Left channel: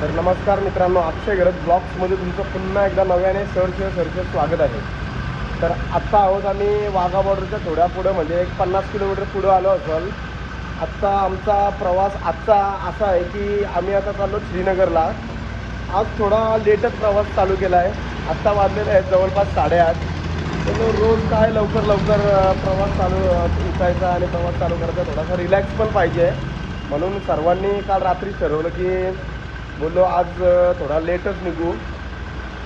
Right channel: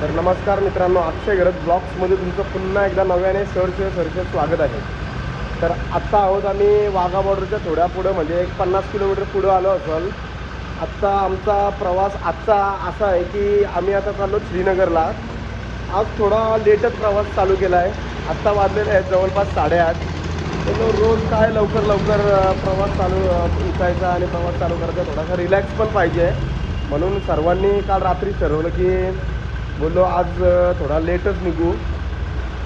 तर नमस्कार मित्रांनो, अक्षय गरज ब्लॉग्समध्ये तुमचं पुन्हा एकदा नव्याने सरचे स्वागत आहे. तर आत्ता आहोत आम्ही वाघा बॉर्डरच्या थोड्या पुढं, म्हणजे एक 50 किलोमीटर पुढं आलो असाल. आत्ता आमचा प्रवास आजचा असा आहे की आम्ही आता चाललो श्रीनगरला. आज थोडा लेटच प्रवास चालू केला आहे. आत्ता वाजलेले आहेत जवळपास 8:30. तर रोज काय लवकर प्रवास चालू उठायचा आणि प्रवास चालू करायचा, थोडासा रिलॅक्स पण पाहिजे. म्हणून सर्वांनी काल रात्री ठरवलं की बोललो आज थोडा लेटच निघू.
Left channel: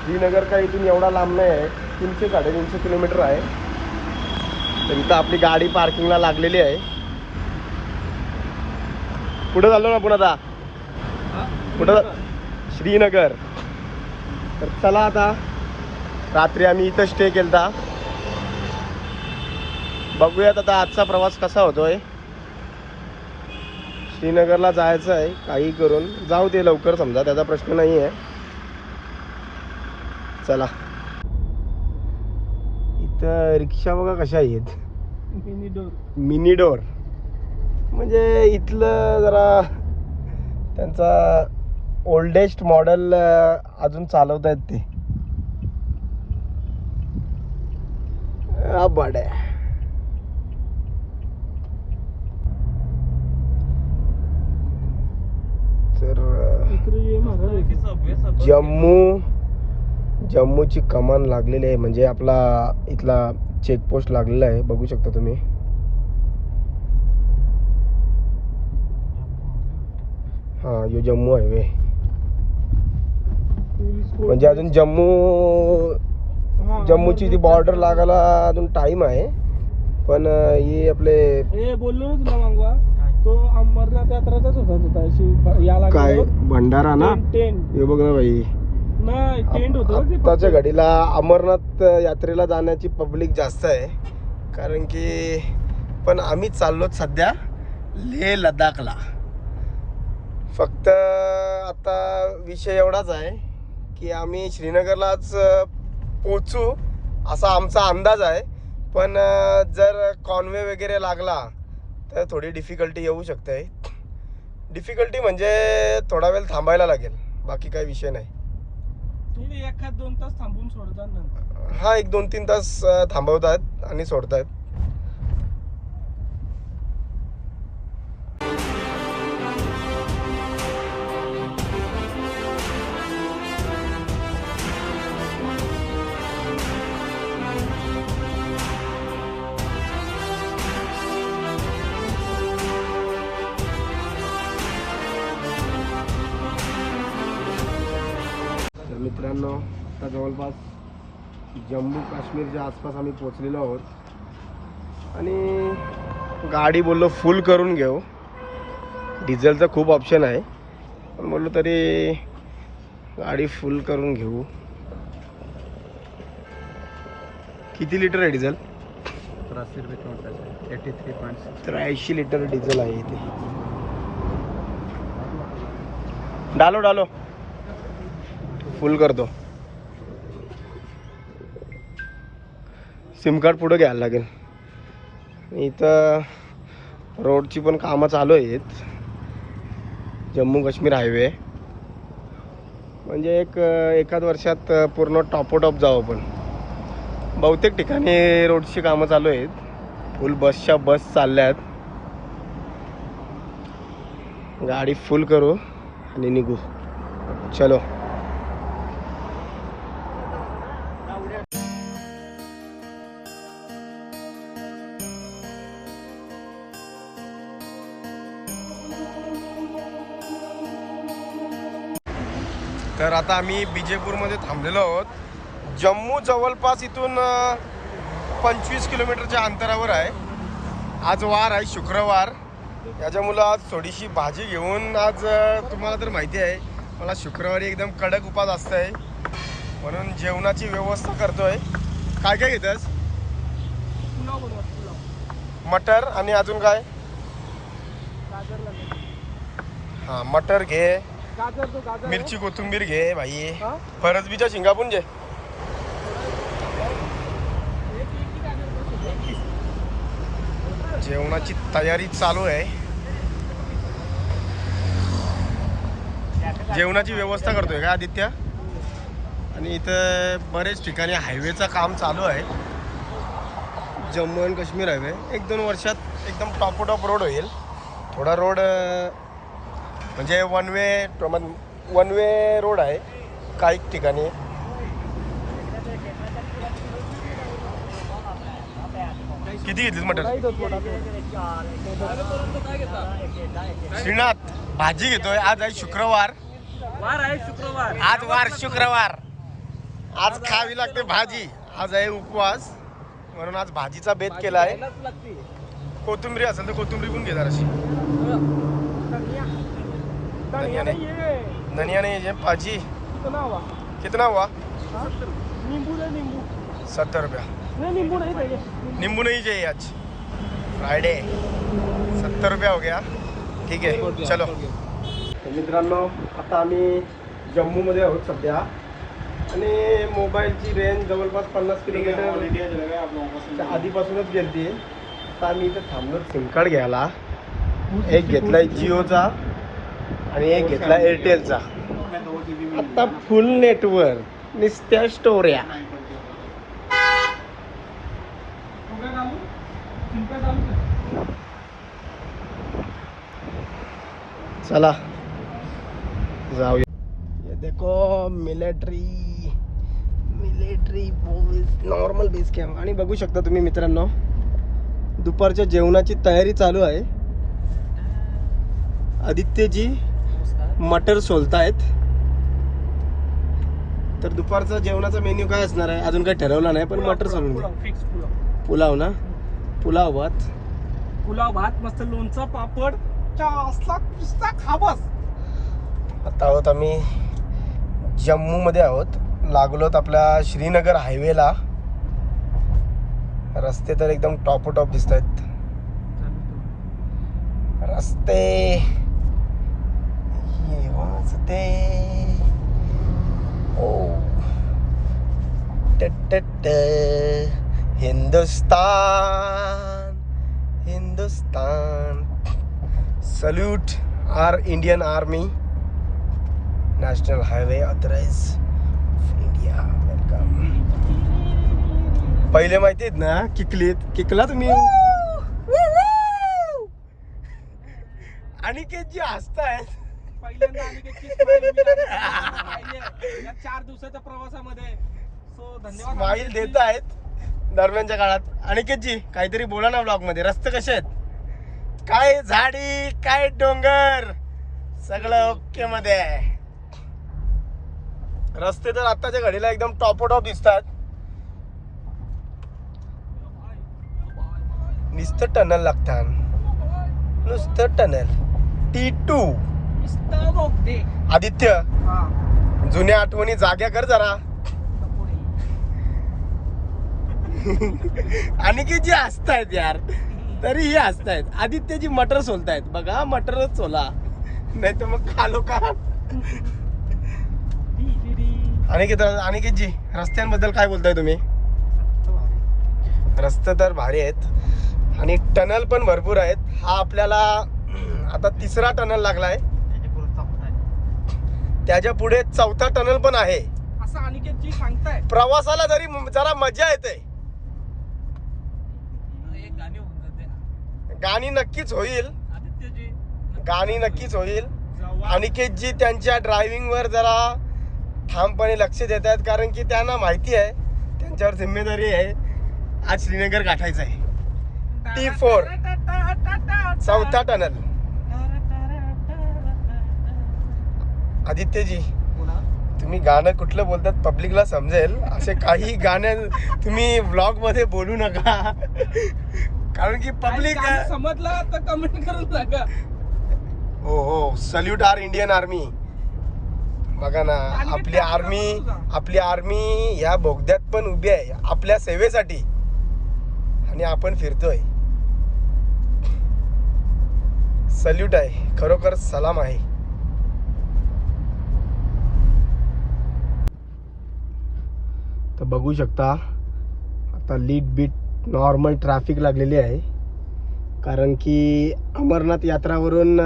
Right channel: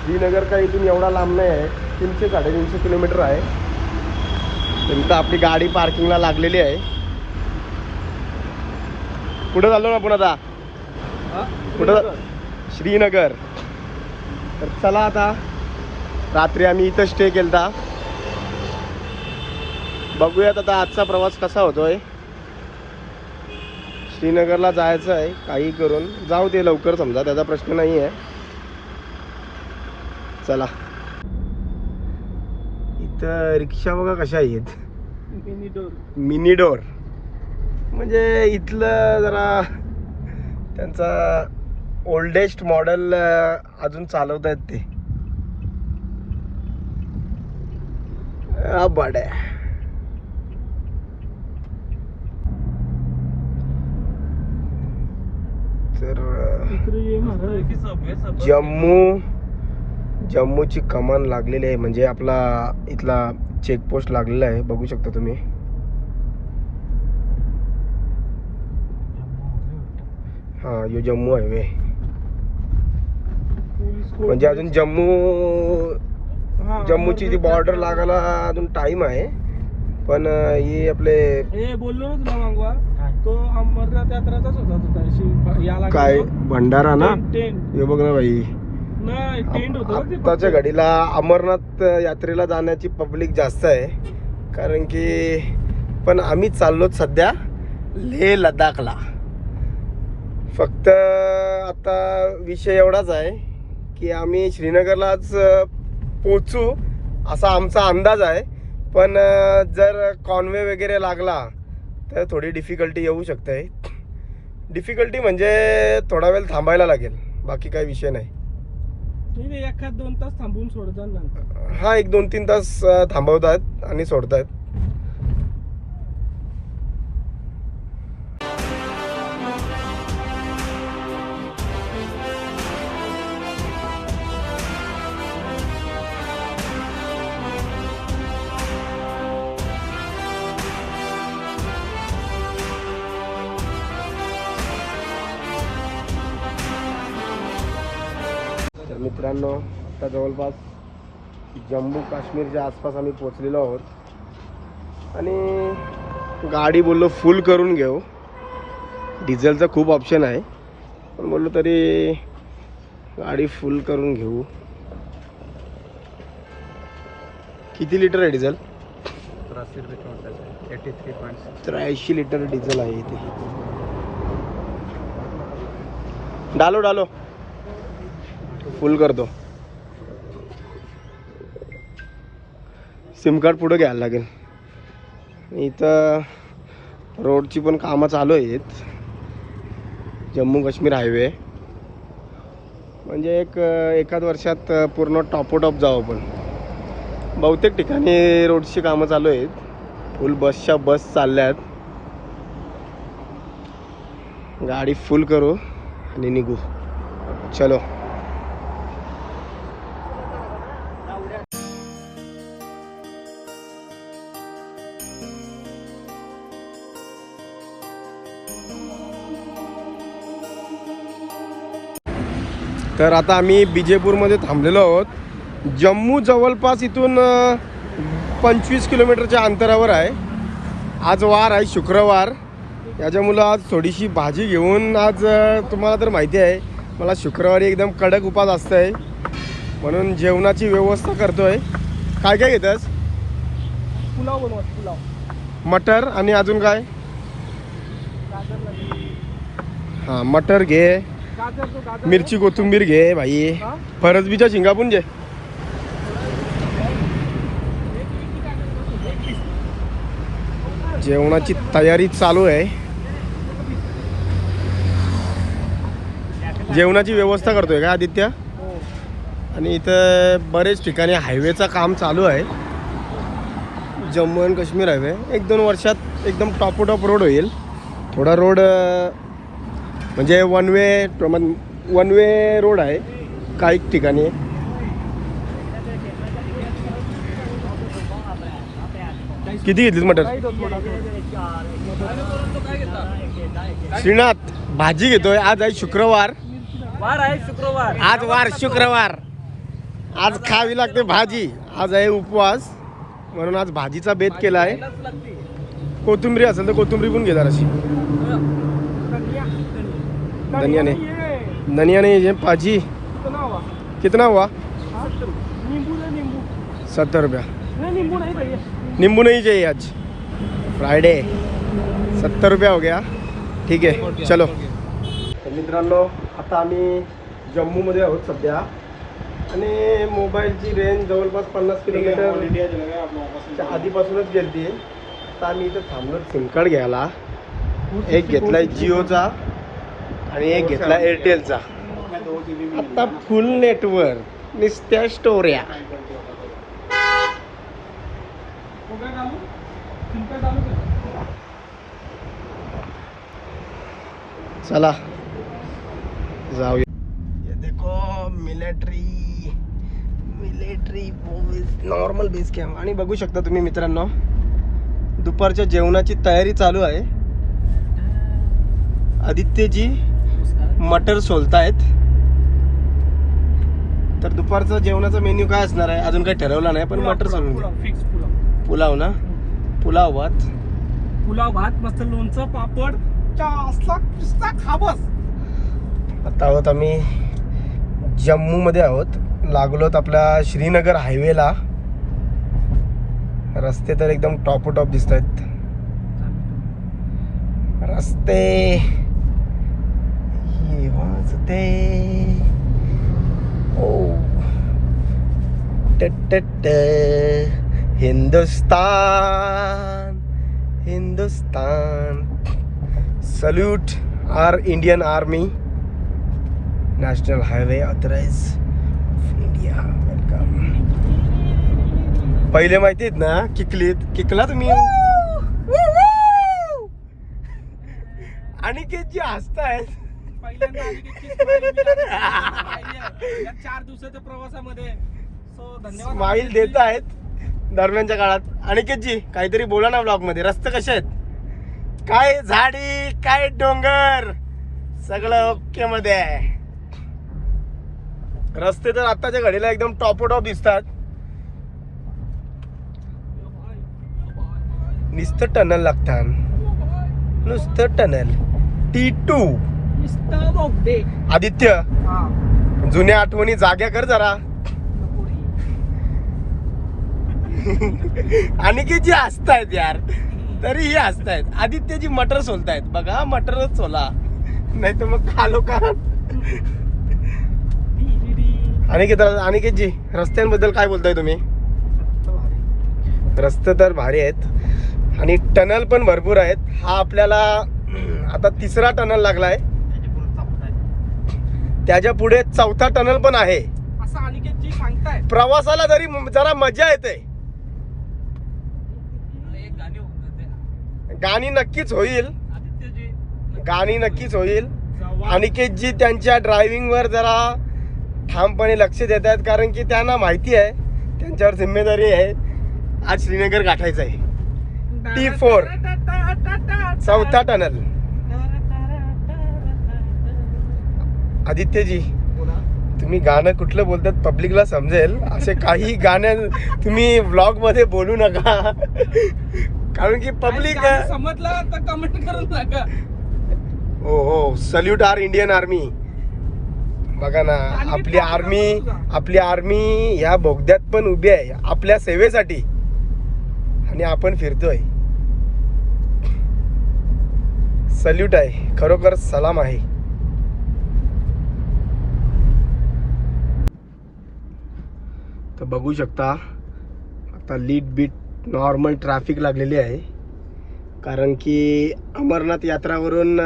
श्रीनगर काय इथून एवढा लांब नाही आहे, 300-350 किलोमीटर आहे. तर इथं आपली गाडी पार्किंगला लागलेली आहे. पुढे चाललो ना आपण आता. कुठं? श्रीनगर. तर चला आता, रात्री आम्ही इथं स्टे केलता. बघूयात आता आजचा प्रवास कसा होतोय. श्रीनगरला जायचं आहे, काही करून जाऊ दे लवकर, समजा त्याचा प्रश्न नाही आहे. चला. इथं रिक्षा बघा कशा आहेत, मिनी डोर. म्हणजे इथलं जरा त्यांचा ओल्डेस्ट मॉडेल अजून चालवत आहेत ते. बडे तर जम्मूची कमान लागलेली आहे, म्हणजे आपला इथला चेकपोस्ट लागलेला आहे, बघू शकता तुम्ही. हा, यो जम्मू हायवे. म्हणजे अजून जम्मूची जी बॉर्डर लागायला अजून टाइम आहे. पण हे आपले काय भंडारा ना, हे बघ ना भाई. आत्ताच्या घडीला अमरनाथ यात्रेला जाण्याची पब्लिक जास्त आहे, कारण की पण आम्ही चाललो सध्या लेह लडाखला. फक्त आता विषय एवढाच आहे की आम्ही श्रीनगरला आज पोचू असा आमचा अंदाज आहे. पण जर कॉन्वे वगैरे लागला तर थोडी डिफिकल्टी येऊ शकते. डिफिकल्टी म्हणजे थोडा वेळ थांबायला लागेल, बाकी काही विषय नाही. 1-2 तास थांबवून सोडतात. हा, 1-2-3 तास थांबवतात आणि सोडतात. तर मित्रांनो, आता जवळपास जम्मू काश्मीरच्या आसपास आम्ही पोचलेलो आहोत आणि गाडी बोललो फुल करून घेऊ. डिझेलचा खूप ऑप्शन आहे, पण बोललो तरी गाडी फुल करून घेऊ. किती लिटर आहे डिझेल? 83 लिटर डिझेल आहे इथे. डालो फुल करतो. सिम कार्ड पुढे घ्यायला लागेल. इथं रोडची पण कामं चालू आहेत. जम्मू काश्मीर हायवे म्हणजे एकाच वर्षात पूर्ण टॉप जाऊ आपण. बहुतेक ठिकाणी रोडची कामं चालू आहेत. फुल बस चालल्यात. गाडी फुल करू आणि निघू. चलो. तर आता आम्ही बिजेपूरमध्ये थांबलेलो आहोत. जम्मू जवळपास इथून 25 किलोमीटरच्या अंतरावर आहे. आज वार आहे शुक्रवार, त्याच्यामुळं आज थोडीशी भाजी घेऊन, आज तुम्हाला तर माहिती आहे मला शुक्रवारी एकदम कडक उपास असतं, म्हणून जेवणाची व्यवस्था करतोय. काय काय घेतस? पुलाव बनवत, पुलाव, मटर आणि अजून काय? हां, मटर घे, मिरची कोथिंबीर घे भाई, फरसबीच्या शेंगा पण घे. जेवणाची तयारी चालू आहे. जेवणाची व्यवस्था करतोय का आदित्य? हो. आणि इथं बरेच ठिकाणी हायवेचं काम चालू आहे. जम्मू अँड काश्मीर हायवे 1-2 वर्षात एकदम टॉप रोड होईल. थोडा रोड म्हणजे वन वे रोड आहे काही ठिकाणी. किती घेतलीस मटर? श्रीनाथ भाजी घेतोय. आज आहे शुक्रवार. वार आहे शुक्रवार. आज शुक्रवार. आज खावी लागते भाजी. आज आहे उपवास म्हणून आज भाजीचा बेत केला आहे. कोथिंबरी असेल तर कोथिंबरी पण घेणार अशी. धनिया नहीं ये भाजी कितना हुआ? 70 रुपया. नींबू नहीं चाहिए आज फ्राइडे. 70 रुपया हो गया. ठीक आहे चलो. मित्रांनो आता आम्ही जम्मूमध्ये आहोत सध्या आणि मोबाईलची रेंज जवळपास 50 किलोमीटर आधीपासूनच गेली. आता आम्ही इथं थांबलो सिम कार्ड घ्यायला. एक घेतलाय जिओचा आणि एक घेतला एअरटेलचा. आता फुल नेटवर्क नुसत्या स्टोऱ्या. चला जाऊया. ये देखो मिलिटरी नॉर्मल बेस कॅम्प. आणि बघू शकता तुम्ही मित्रांनो दुपारच्या जेवणाची तयारी चालू आहे. आदित्यजी मटर सोलतायत. तर दुपारचा जेवणाचा मेन्यू काय असणार आहे अजून काही ठरवला नाही पण मटर सोलून फिक्स पुलाव ना. पुलाव भात मस्त लोणचं पापड खाबस. आता आहोत आम्ही जम्मू मध्ये आहोत. लागलोत आपल्या श्रीनगर हायवेला. रस्ते तर एकदम टॉप दिसत आहेत. रस्ते वाजते ओ Hindustan salute our Indian army national highway authorise India. Welcome. पहिले माहिती आहेत ना किकला तुम्ही आणि जे हसतायत. 4 दिवसाच्या प्रवासामध्ये स्माईल देत आहेत दरम्यानच्या काळात. अनिकेतजी काहीतरी बोला ना ब्लॉग मध्ये. रस्ते कसे आहेत? काय झाडी काय डोंगर सगळं ओके मध्ये आहे. रस्ते तर आताच्या घडीला एकदम टॉप दिसतात. नुसतं टनल लागतात. नुसतं टनल. T2 आदित्य जुन्या आठवणी जाग्या कर जरा. आणि की जी हसतायत यार तरीही हसतायत. आदित्यजी मटर सोलतायत बघा. मटरच सोला नाही तर मग खालो का. अनिकेतजी रस्त्यांबद्दल काय बोलताय तुम्ही? रस्ते तर भारी आहेत आणि टनल पण भरपूर आहेत. हा आपल्याला आता 3रा टनल लागलाय. त्याच्या पुढे 4था टनल पण आहे. असं अनिकेतजी सांगताय. प्रवासाला जरी जरा मजा येते. गाणी नक्कीच होईल. अनिकेतजी त्यांच्या ड्रायव्हिंग वर जरा ठामपणे लक्ष देत आहेत कारण की त्यांना माहिती आहे त्यांच्यावर जिम्मेदारी आहे. आज श्रीनगर गाठायचं आहे. T4 4था tunnel. आदित्यजी तुम्ही गाणं कुठलं बोलतात पब्लिकला समजेल असे काही गाणं तुम्ही व्लॉग मध्ये बोलू नका कारण की पब्लिक समजलं तर कमेंट करून सांगा. हो सल्यूट आर इंडियन आर्मी. बघा ना आपली आर्मी ह्या बोगद्यात पण उभी आहे आपल्या सेवेसाठी आणि आपण फिरतोय. सल्यूट आहे. खरोखर सलाम आहे. तर बघू शकता आता लीड बीट नॉर्मल ट्रॅफिक लागलेली आहे कारण की अमरनाथ यात्रावरून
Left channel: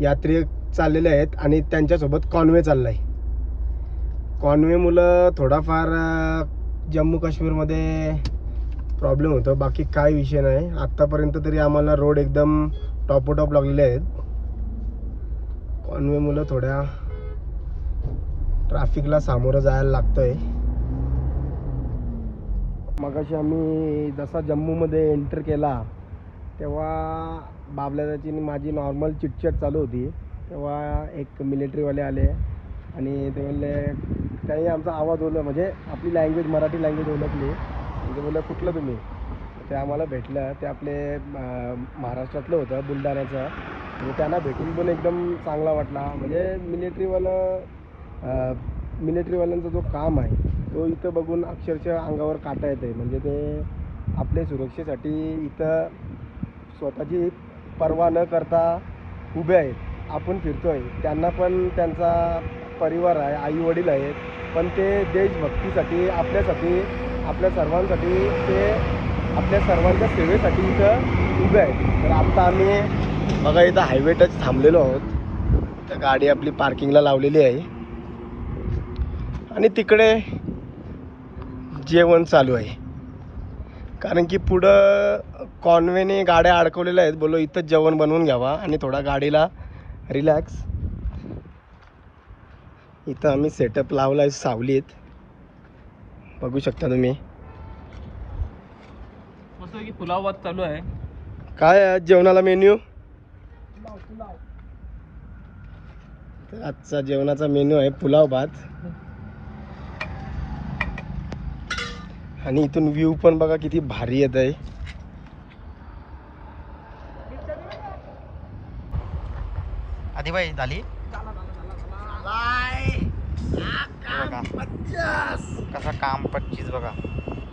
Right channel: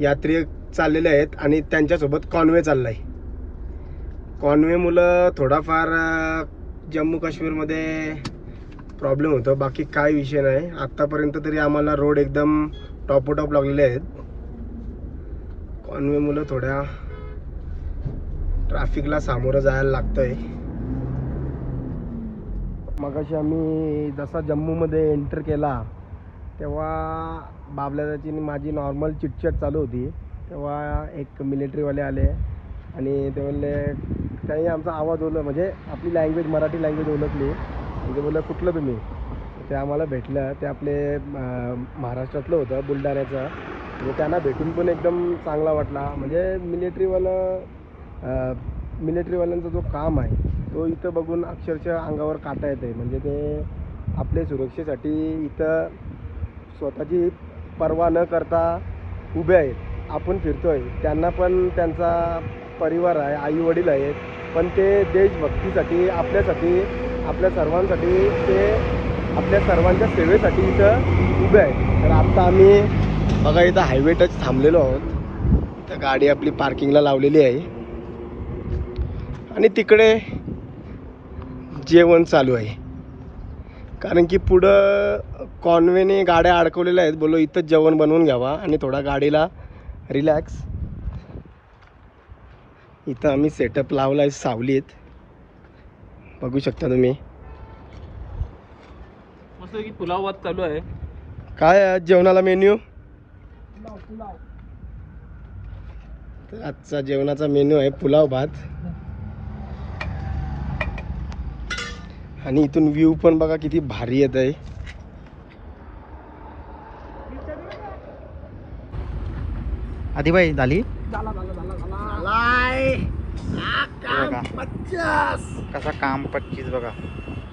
यात्री चाललेले आहेत आणि त्यांच्यासोबत कॉन्वे चालला आहे. कॉन्वे मुलं थोडाफार जम्मू काश्मीरमध्ये प्रॉब्लेम होतो, बाकी काय विषय नाही. आत्तापर्यंत तरी आम्हाला रोड एकदम टॉपोटॉप लागलेले आहेत. कॉन्वे मुलं थोड्या ट्रॅफिकला सामोरं जायला लागतंय. मगाशी आम्ही जसा जम्मूमध्ये एंटर केला तेव्हा बाबल्याची माझी नॉर्मल चिटचट चालू होती. तेव्हा एक मिलिटरीवाले आले आणि ते बोलले, त्यांनी आमचा आवाज ओळखला, म्हणजे आपली लँग्वेज मराठी लँग्वेज ओळखली. ते बोलले कुठलं तुम्ही? ते आम्हाला भेटलं. ते आपले महाराष्ट्रातलं होतं, बुलढाण्याचं. म्हणजे त्यांना भेटून पण एकदम चांगला वाटला. म्हणजे मिलिटरीवाल्यांचा जो काम आहे तो इथं बघून अक्षरशः अंगावर काटा येत आहे. म्हणजे ते आपल्या सुरक्षेसाठी इथं स्वतःची पर्वा न करता उभे आहेत. आपण फिरतोय, त्यांना पण त्यांचा परिवार आहे, आईवडील आहेत, पण ते देशभक्तीसाठी आपल्यासाठी, आपल्या सर्वांसाठी, ते आपल्या सर्वांच्या सेवेसाठी इथं उभे आहेत. तर आत्ता आम्ही बघा इथं हायवे टच थांबलेलो आहोत. तर गाडी आपली पार्किंगला लावलेली आहे आणि तिकडे जेवण चालू आहे. कारण की पुढं कॉन्वेने गाड्या अडकवलेल्या आहेत. बोलो इथंच जेवण बनवून घ्यावा आणि थोडा गाडीला रिलॅक्स. इथं आम्ही सेटअप लावला आहे, सावलीत बघू शकता तुम्ही. मस्त की पुलाव भात चालू आहे. काय आहे जेवणाला मेन्यू? तर आजचा जेवणाचा मेन्यू आहे पुलाव भात. आणि इथून व्ह्यू पण बघा किती भारी येत आहे. आदिबाई झाली कसा काम 25 बघा.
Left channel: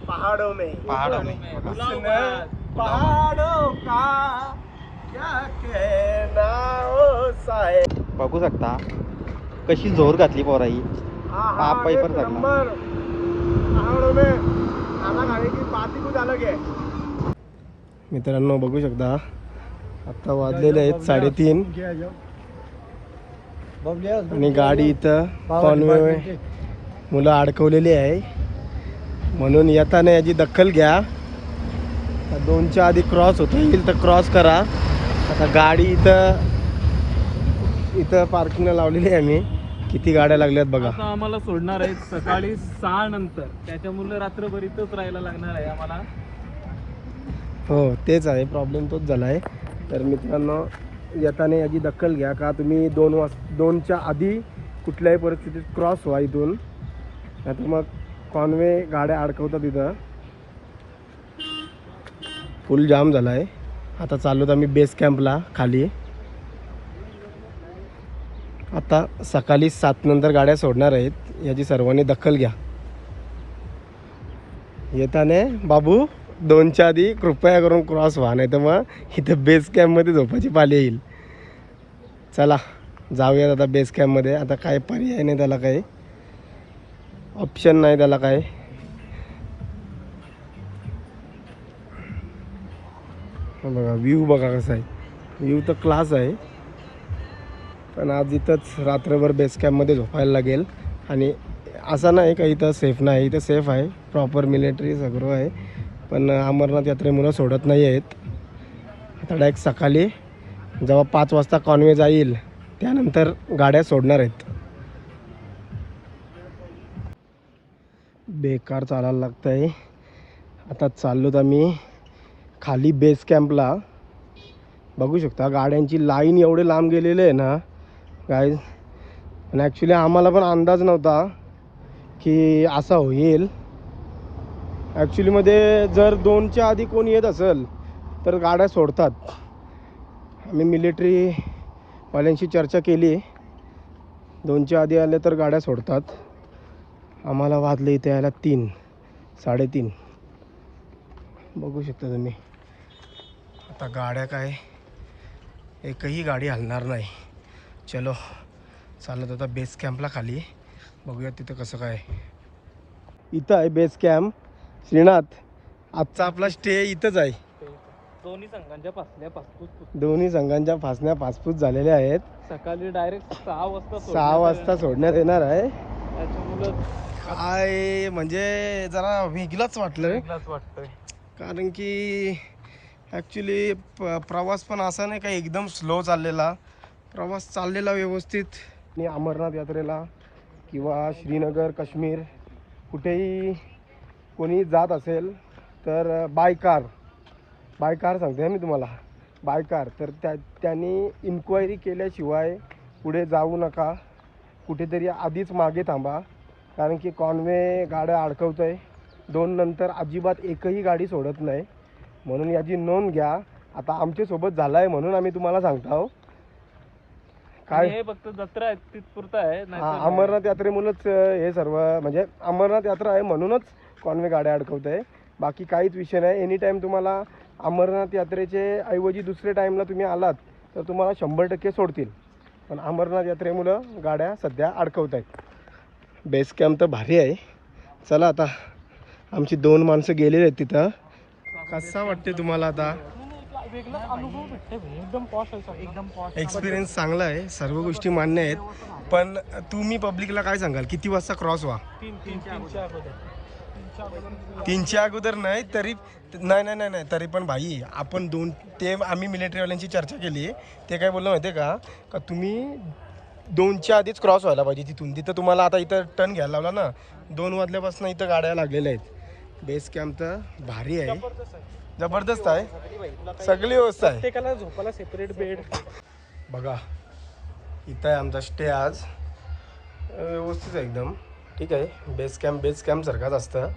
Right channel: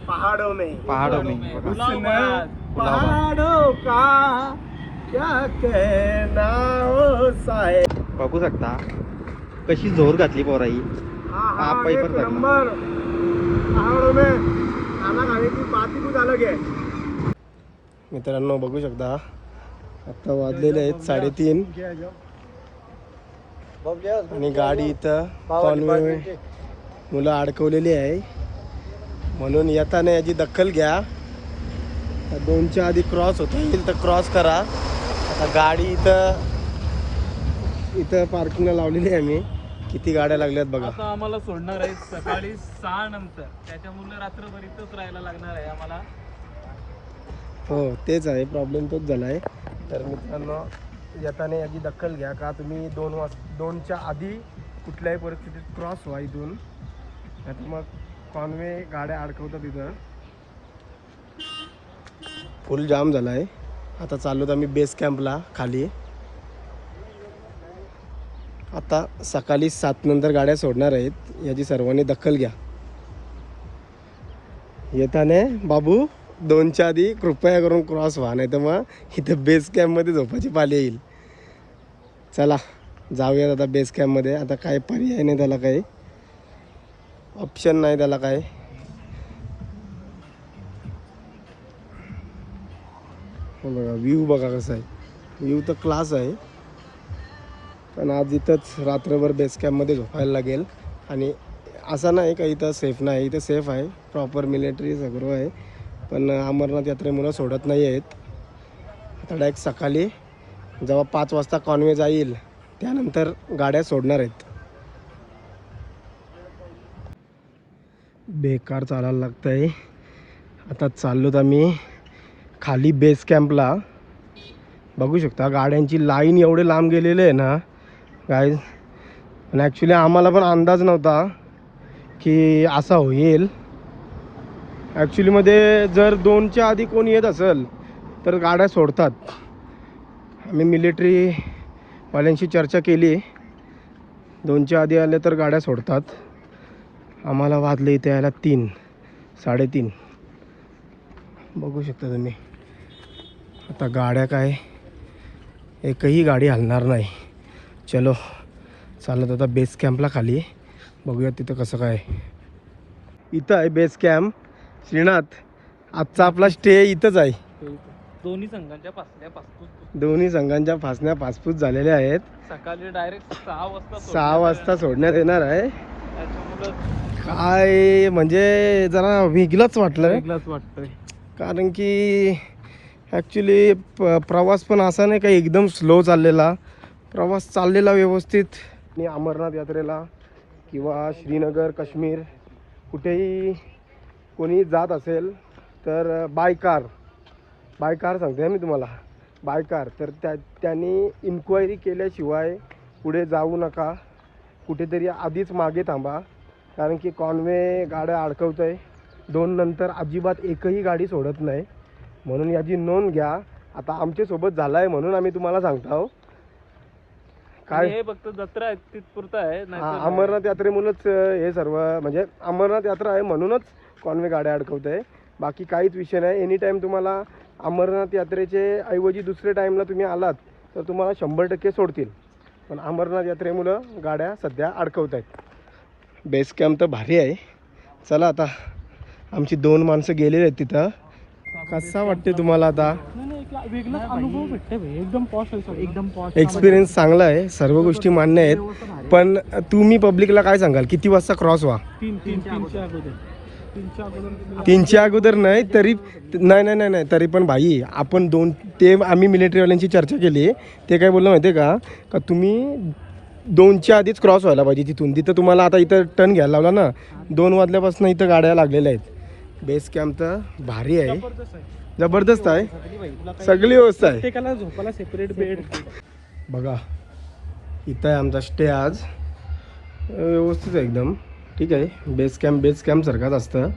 पहाडों में बघा पहाड़ों का क्या कहना हो साहेब. बघू शकता कशी जोर घातली पोराई. पाय पर लागला. पहाड़ों में खाना खाने की बात ही कुछ अलग है. मित्रांनो बघू शकता आता वाजलेले आहेत 3:30 आणि गाडी इथं कॉन्वे मुलं अडकवलेली आहे. म्हणून येताना याची दखल घ्या. 2च्या आधी क्रॉस होता येईल तर क्रॉस करा. आता गाडी इथं पार्किंगला लावलेली आहे आम्ही. किती गाड्या लागल्यात बघा. आम्हाला सोडणार आहे सकाळी 6 नंतर, त्याच्यामुळे रात्रभर इथंच राहायला लागणार आहे आम्हाला. हो तेच आहे, प्रॉब्लेम तोच झाला आहे. तर मित्रांनो येताना याची दखल घ्या का तुम्ही 2च्या आधी कुठल्याही परिस्थितीत क्रॉस व्हा इथून, नाहीतर मग कॉन्वे गाड्या अडकवतात इथं. फुल जाम झाला आहे. आता चाललो आम्ही बेस कॅम्पला खाली. आता सकाळी 7 नंतर गाड्या सोडणार आहेत, याची सर्वांनी दखल घ्या. येताने बाबू 2च्या आधी कृपया करून क्रॉस व्हा, नाही तर मग इथं बेस कॅम्पमध्ये झोपायची पाली येईल. चला जाऊयात आता बेस कॅम्पमध्ये. आता काय पर्याय नाही, त्याला काही ऑप्शन नाही त्याला काय. बघा व्ह्यू बघा कसा आहे. व्ह्यू तर क्लास आहे, पण आज इथंच रात्रभर बेस कॅम्पमध्ये झोपायला लागेल. आणि असं नाही का इथं सेफ नाही, इथं सेफ आहे, प्रॉपर मिलिटरी सगळं आहे. पण अमरनाथ यात्रेमुळं सोडत नाही आहेत. आता डायरेक्ट सकाळी जेव्हा 5 वाजता कॉन्वे जाईल त्यानंतर गाड्या सोडणार आहेत. बेकार चालायला लागतं आहे. आता चाललोत आम्ही खाली बेस कॅम्पला. बघू शकता गाड्यांची लाईन एवढे लांब गेलेले आहे ना गाईज. आणि ॲक्च्युली आम्हाला पण अंदाज नव्हता की असा होईल. ॲक्च्युलीमध्ये जर 2च्या आधी कोण येत असेल तर गाड्या सोडतात. आम्ही मिलिटरीवाल्यांशी चर्चा केली, 2च्या आधी आले तर गाड्या सोडतात. आम्हाला वाजले इथे यायला 3, 3:30. बघू शकता तुम्ही. आता गाड्या काय एकही गाडी हलणार नाही. चलो चालत आता बेस कॅम्पला खाली. बघूया तिथं कसं काय. इथं आहे बेस कॅम्प श्रीनाथ. आजचा आपला स्टे इथंच आहे. दोन्ही संघांच्या पासल्या पासपूस दोन्ही संघांच्या फासण्या पासपूस झालेल्या आहेत. सकाळी डायरेक्ट 6 वाजता सोडण्यात येणार आहे. काय म्हणजे जरा वेगळंच वाटलं वेगळाच वाटतंय. कारण की ॲक्च्युली प्रवास पण असा नाही का एकदम स्लो चाललेला. प्रवास चाललेला व्यवस्थित. आणि अमरनाथ यात्रेला किंवा श्रीनगर काश्मीर कुठेही कोणी जात असेल तर बाय कार सांगते मी तुम्हाला, बाय कार. तर त्यांनी इन्क्वायरी केल्याशिवाय पुढे जाऊ नका. कुठेतरी आधीच मागे थांबा, कारण की कॉन्वे गाड्या अडकवत आहे. 2 नंतर अजिबात एकही गाडी सोडत नाही, म्हणून याची नोंद घ्या. आता आमच्यासोबत झालं आहे म्हणून आम्ही तुम्हाला सांगतो. काय हे फक्त जत्रा आहे तिथपुरतं आहे, नाहीतर अमरनाथ यात्रेमुळेच हे सर्व, म्हणजे अमरनाथ यात्रा आहे म्हणूनच कॉन्वे गाड्या अडकवत आहे. बाकी काहीच विषय नाही. एनी टाईम तुम्हाला अमरनाथ यात्रेचे ऐवजी दुसऱ्या टाईमला तुम्ही आलात तर तुम्हाला 100% सोडतील. पण अमरनाथ यात्रेमुळं गाड्या सध्या अडकवत आहेत. बेस कॅम्प तर भारी आहे. चला आता आमची 2 माणसं गेलेली आहेत तिथं. कसा वाटते तुम्हाला आता? वेगळाच अनुभव भेटते भाई. एकदम पॉश आहे, एकदम पॉश. एक्सपिरियन्स चांगला आहे, सर्व गोष्टी मान्य आहेत. पण तुम्ही पब्लिकला काय सांगाल, किती वाजता क्रॉस व्हा? 3च्या अगोदर नाही तरी नाही तरी पण भाई आपण ते आम्ही मिलिटरीवाल्यांची चर्चा केली. ते काय बोललं माहिती आहे का तुम्ही 2च्या आधीच क्रॉस व्हायला पाहिजे तिथं तुम्हाला आता इथं टर्न घ्यायला लावला ना. 2 वाजल्यापासून इथं गाड्या लागलेल्या आहेत. बेस कॅम्प तर भारी आहे, जबरदस्त आहे, सगळी व्यवस्था आहे. प्रत्येकाला झोपायला सेपरेट बेड. बघा इथं आहे आमचा स्टे आज. व्यवस्थित आहे एकदम, ठीक आहे. बेस कॅम्प सारखाच असतं.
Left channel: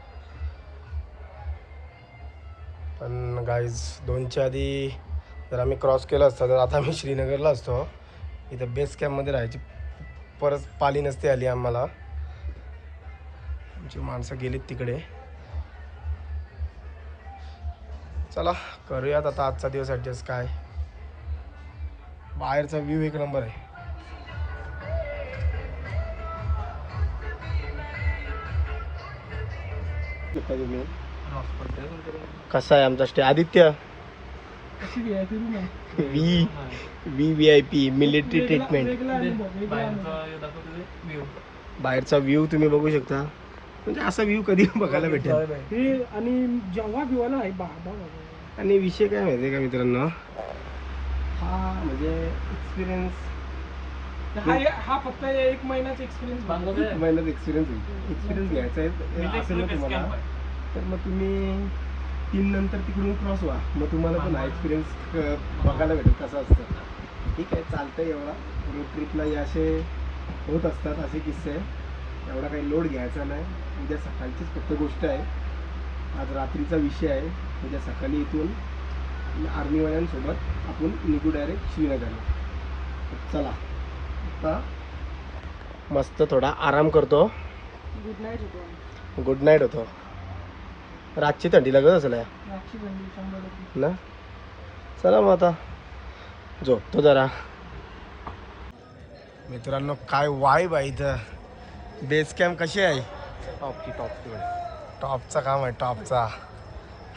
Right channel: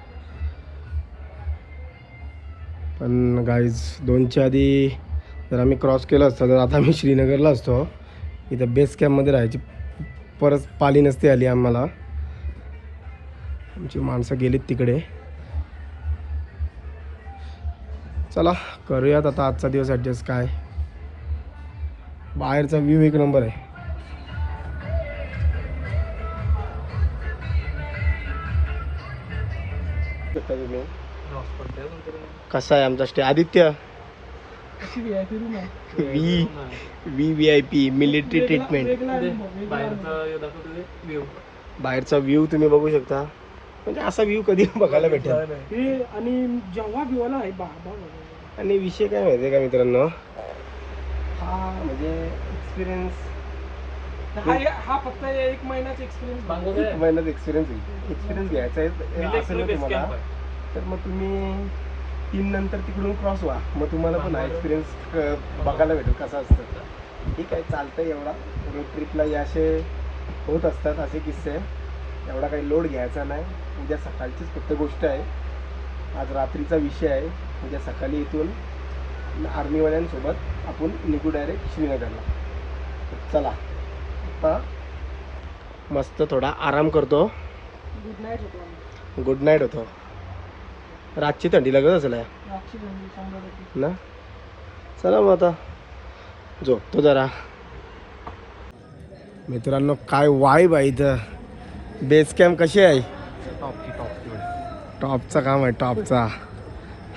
पण गाईज 2च्या आधी जर आम्ही क्रॉस केलं असतं तर आता आम्ही श्रीनगरला असतो. इथं बेस कॅम्पमध्ये राहायची परत पाली नसते आली आम्हाला. आमची माणसं गेलीत तिकडे. चला करूयात आता आजचा दिवस ॲडजस्ट. काय बाहेरचा व्ह्यू एक नंबर आहे. कसा आहे आमचा stay? Aditya VIP military treatment. बाहेरचा व्ह्यू तुम्ही बघू शकता. म्हणजे असा व्ह्यू कधी बघायला भेटेल. आणि जेव्हा भिवाला आहे आणि विषय काय माहिती आहे का मित्रांनो, हा म्हणजे एक्सपिरियन्स हा फक्त 1 महिन्याचा एक्सपिरियन्स घ्यायचा आहे असेल ना तुम्हाला, तर मग तुम्ही 3 नंतर तिकडून क्रॉस व्हा. मग तुम्हाला पण हा एक्सपिरियन्स बघायला भेटेल कसं असतं. ठीक आहे, चालतं. एवढा रोड ट्रिपला या असे होत असतात असे किस्से. एवढा काही लोड घ्यायचा नाही. उद्या सकाळचीच फक्त गोष्ट आहे. आज रात्रीचा विषय आहे. उद्या सकाळी इथून आर्मीवाल्यांसोबत आपण निघू डायरेक्ट श्रीनगरला. चला आता मस्त थोडा आराम करतो. गुड नाईट होतो. रातची थंडी लागत असेल ना. चला मग आता झोपतो जरा. मित्रांनो काय वाईब आहे इथं. बेस कॅम्प कशी आहे? टॉपचा काम आहे, टॉपचा.